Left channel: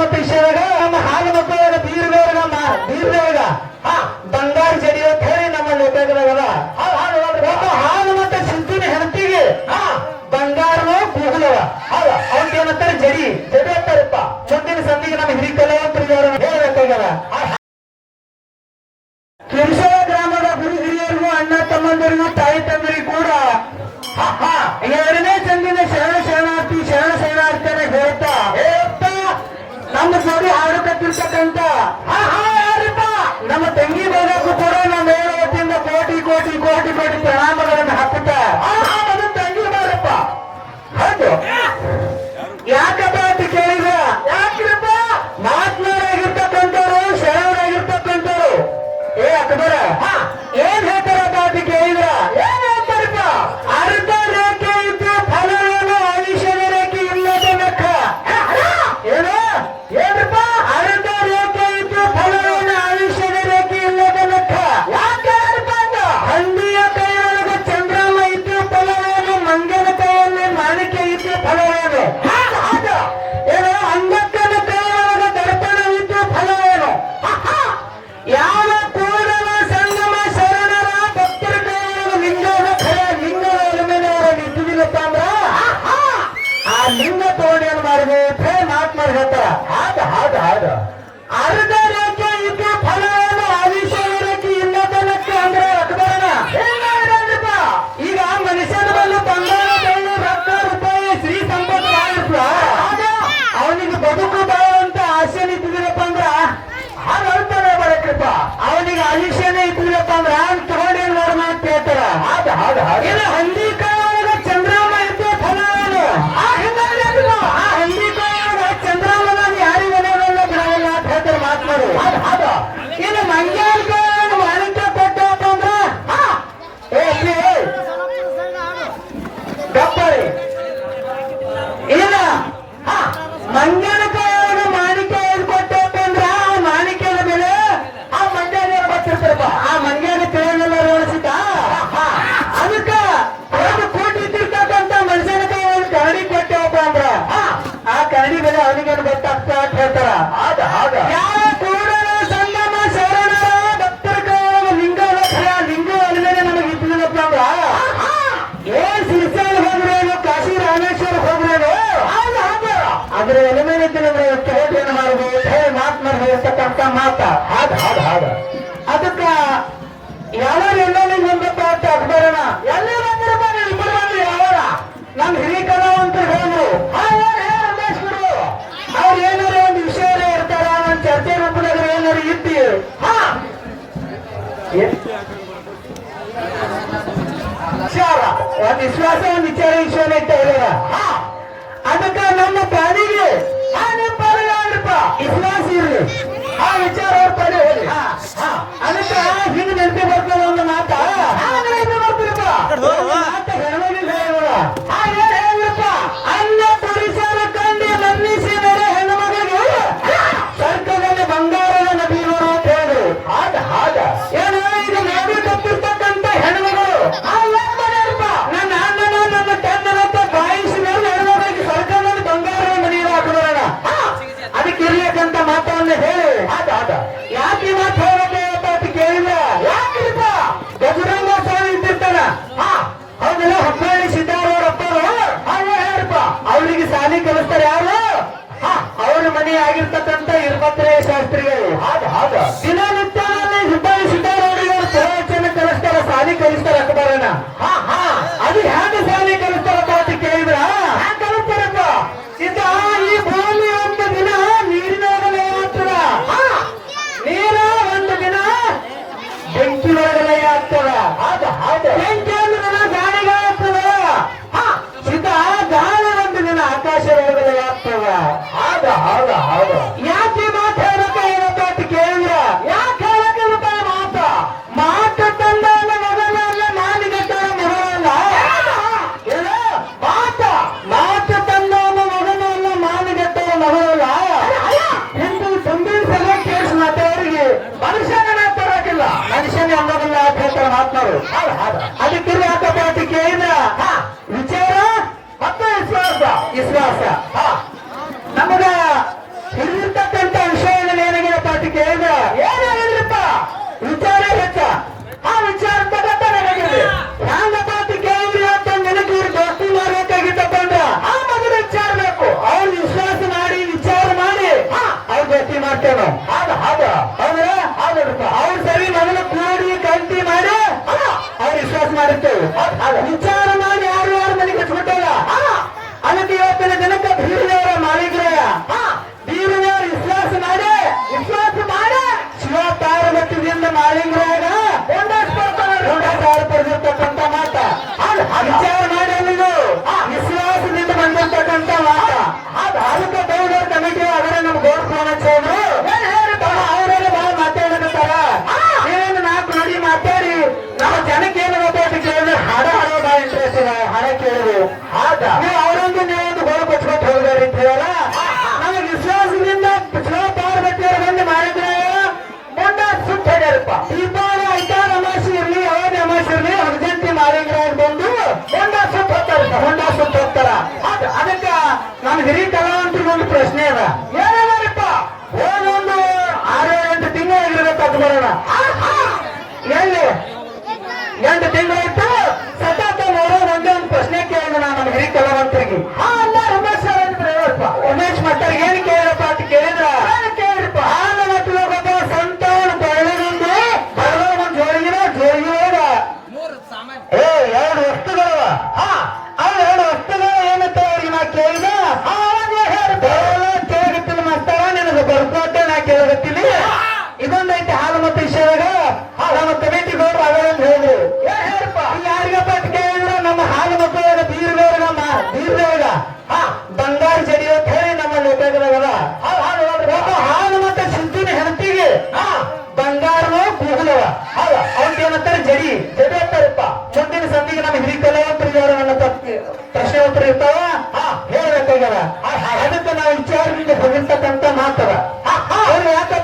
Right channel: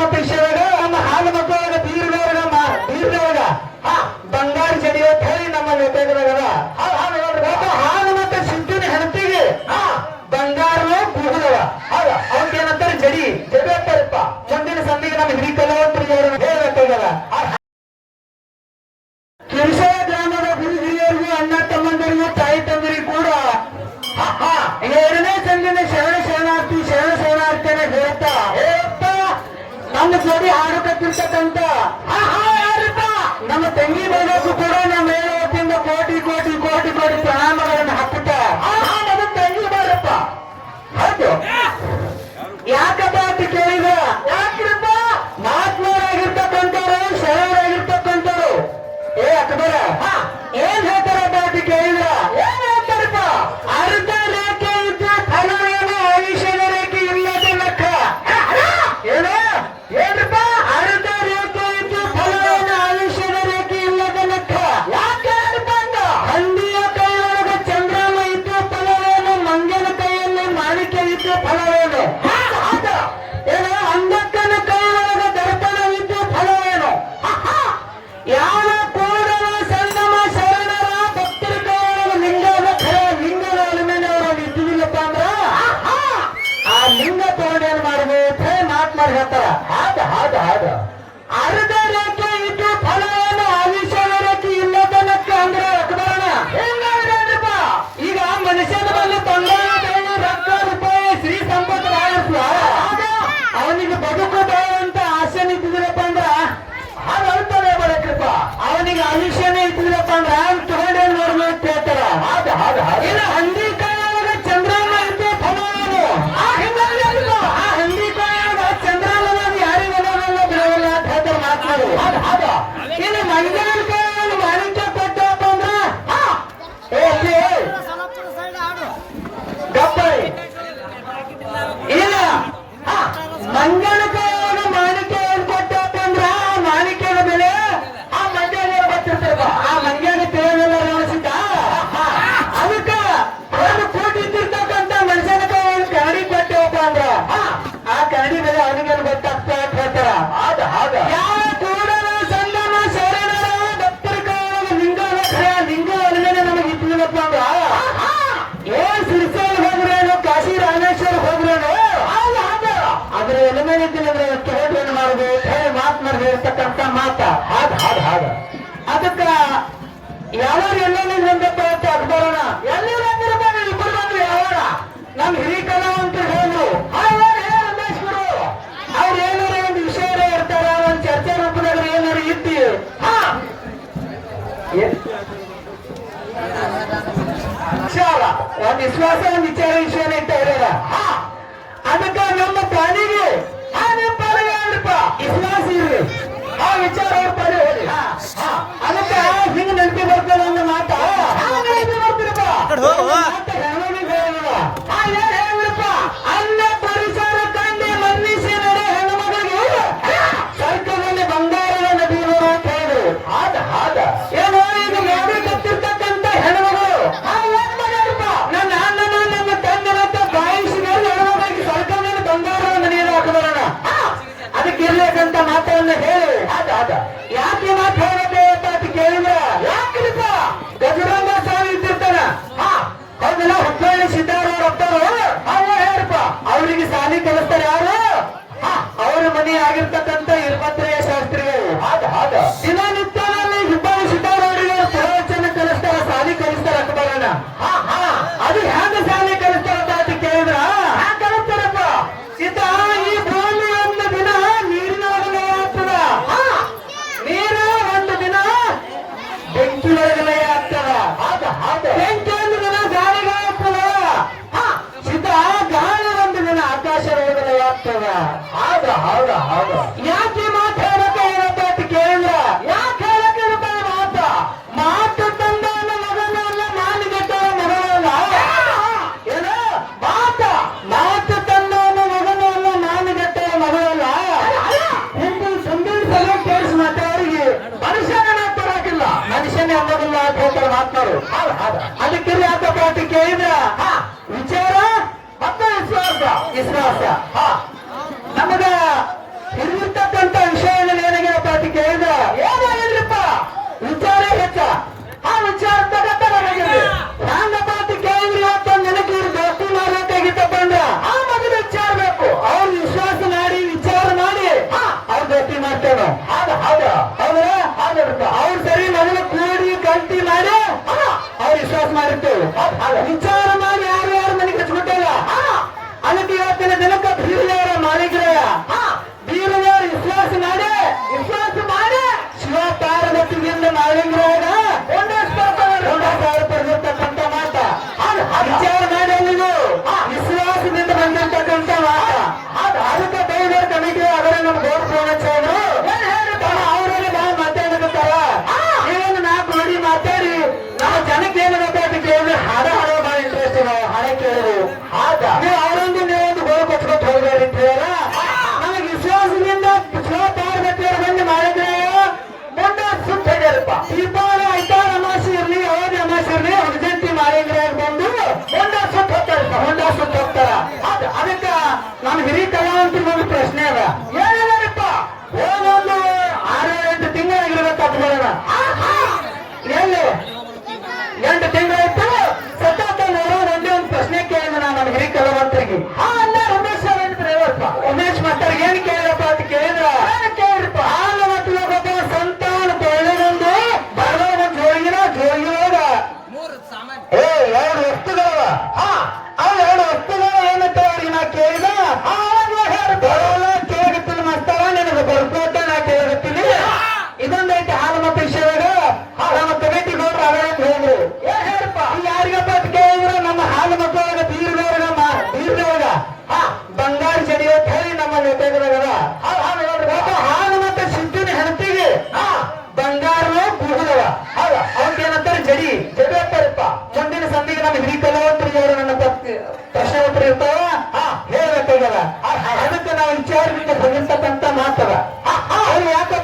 ಮತ್ತ ವಿಷಯದಾಗ ನಮ್ಮ ಹಾಲು ಮಕ್ಕಳಾಗ ಬೀರ್ದವ್ರಾಗ ಬೀರ್ದವ್ರಾಗ ಹಾ ಬಂಗಾರ ಜಡಿಯೋ ಅಂತ ಹೇಳಿ ನಮ್ಮ ಲೇಖಕರಾಗದ ನನ್ನ ಜೋಡಿ ಹಾಡಕತ್ತಿರ್ತಕ್ಕಂಥ ನಮ್ಮ ತಂಗಿ ಬೇಗ ಅದು ಅರ್ಧ ರೇಖೆ ಇದ್ದು ಫಲವನ್ನು ಆವಿಷ್ಕಾರ ರೇಖೆ ಇಲ್ಲದನಕ್ಕ ಅಂದ್ರೆ ಅಕ್ಬರಣ ಈಗ ಮನುಷ್ಯನ ಬಲ್ಲ ಬಂಗಾರ ಬೆಳ್ಳಿ ರೂಪಾಯಿ ಶ್ರೀ ಸಂಪತ್ ಮಾಡಿಸ್ಲ ಅವನಿಗೆ ಬದುಕು ಬೇಡ ಅಂತ ಆಸೆ ನಿಂತಿದ್ರಪ್ಪ ಅಂದ್ರ? ಅದರ್ತನೇ ಬರಕ್ರಪ್ಪ ಅವನಿಗೆ ಆಯುಷ್ಯನೇ ಇದ್ದಿದ್ರಪ್ಪ ಅಂದ್ರೆ? ತಗೊಂಡೇನ್ ನೋಡೋಣ ಅಂತ ಹೇಳ್ತಾರ? ಹೌದು ಹೌದು ಹೌದು. ಶರಣರು ಗೊತ್ತಾಗ್ತಾ ಅಂತ ಹೇಳ್ತಾರ ಆದ ಆದ ಸಂಗಮ ಶರಣರ ನಮಗೆ ಕಾಶಿ ರಾಮೇಶ್ವರ ಅದ್ರ ಎಲೆ ಮೇಲೆ ಇದ್ದಿಲ್ಲಂದ್ರೆ ಕೇಳಿ ಏನು ಮಾಡುದು? ಮಾತ. ಅದಕ್ಕ ಯಾರು ಎಲ್ಲಾನು విశ్వాసాన్ని విచారించాలంటే ಅದಕ್ಕೆ ನಮ್ಮ ಪ್ರಾಣಿಗೆ ಮನೆ ಕಲಿಸ್ತಾರೆ ಯಾರು? ಅವರ ಮನೆ ಆಗಿರ್ತಕ್ಕಂಥ ಇರ್ಬತ್ರೆ ಹೌದ ಹೌದ ಹೌದ ಯಾಕೆ ಮಾತು ಹೇಳಕ್ಕೆ ಏನಪ್ಪ ಅಂತ ಯಾಕೆ ಹೇಳಕ್ಕೆ ಮಾತ ಮಾತು ತಂದ ಮಗನಲ್ಲ ಮಾಲಿಗಟ್ಟ ಮಗನಲ್ಲ ಏನು? ಮಾತ. ಮಾತು ತಂದ ಮಗನಲ್ಲ ಮಾಲಿಗಟ್ಟ ಮಗನಲ್ಲ ಹಿಂದೂ ಸಂದಿಸಲ ಕೇಸ್ ಮಾತಾವರಿಗೆ ಮನುಷ್ಯನ ಮಾತಾಡಕ್ಕಿಲ್ಲ ಮನುಷ್ಯನ ಅನ್ನೋದಿಲ್ಲ ಅಂತ ಹೇಳ್ತಾರೆ ಮಾತನಾಡು ಅದಕ್ಕೆ ಯಾಕಪ್ಪ ಅಂತ ಕೇಳಿದ್ರ, ವಿಚಾರ ಮತ್ತು ವಿಶ್ವಾಸ. ವಿಶ್ವಾಸ. ಹಾ Então ಗಂಟೆ ಒಂದು ಪ್ರಶ್ನೆ ಅದ ಏನೇನಾರಪ್ಪ ಒಂದೊಂದು ಆರು ಗಂಟೆ ತಿಂಗಳ ತಗೊಂಡು ಬರೋಣ ಅದಕ್ಕೆ ನಾವು ವಿಚಾರಕ್ಕೆ ಬಂದಿರ್ತಕ್ಕಂಥ ಮಾತವ. ಅವ್ರು ಯಾಕೆ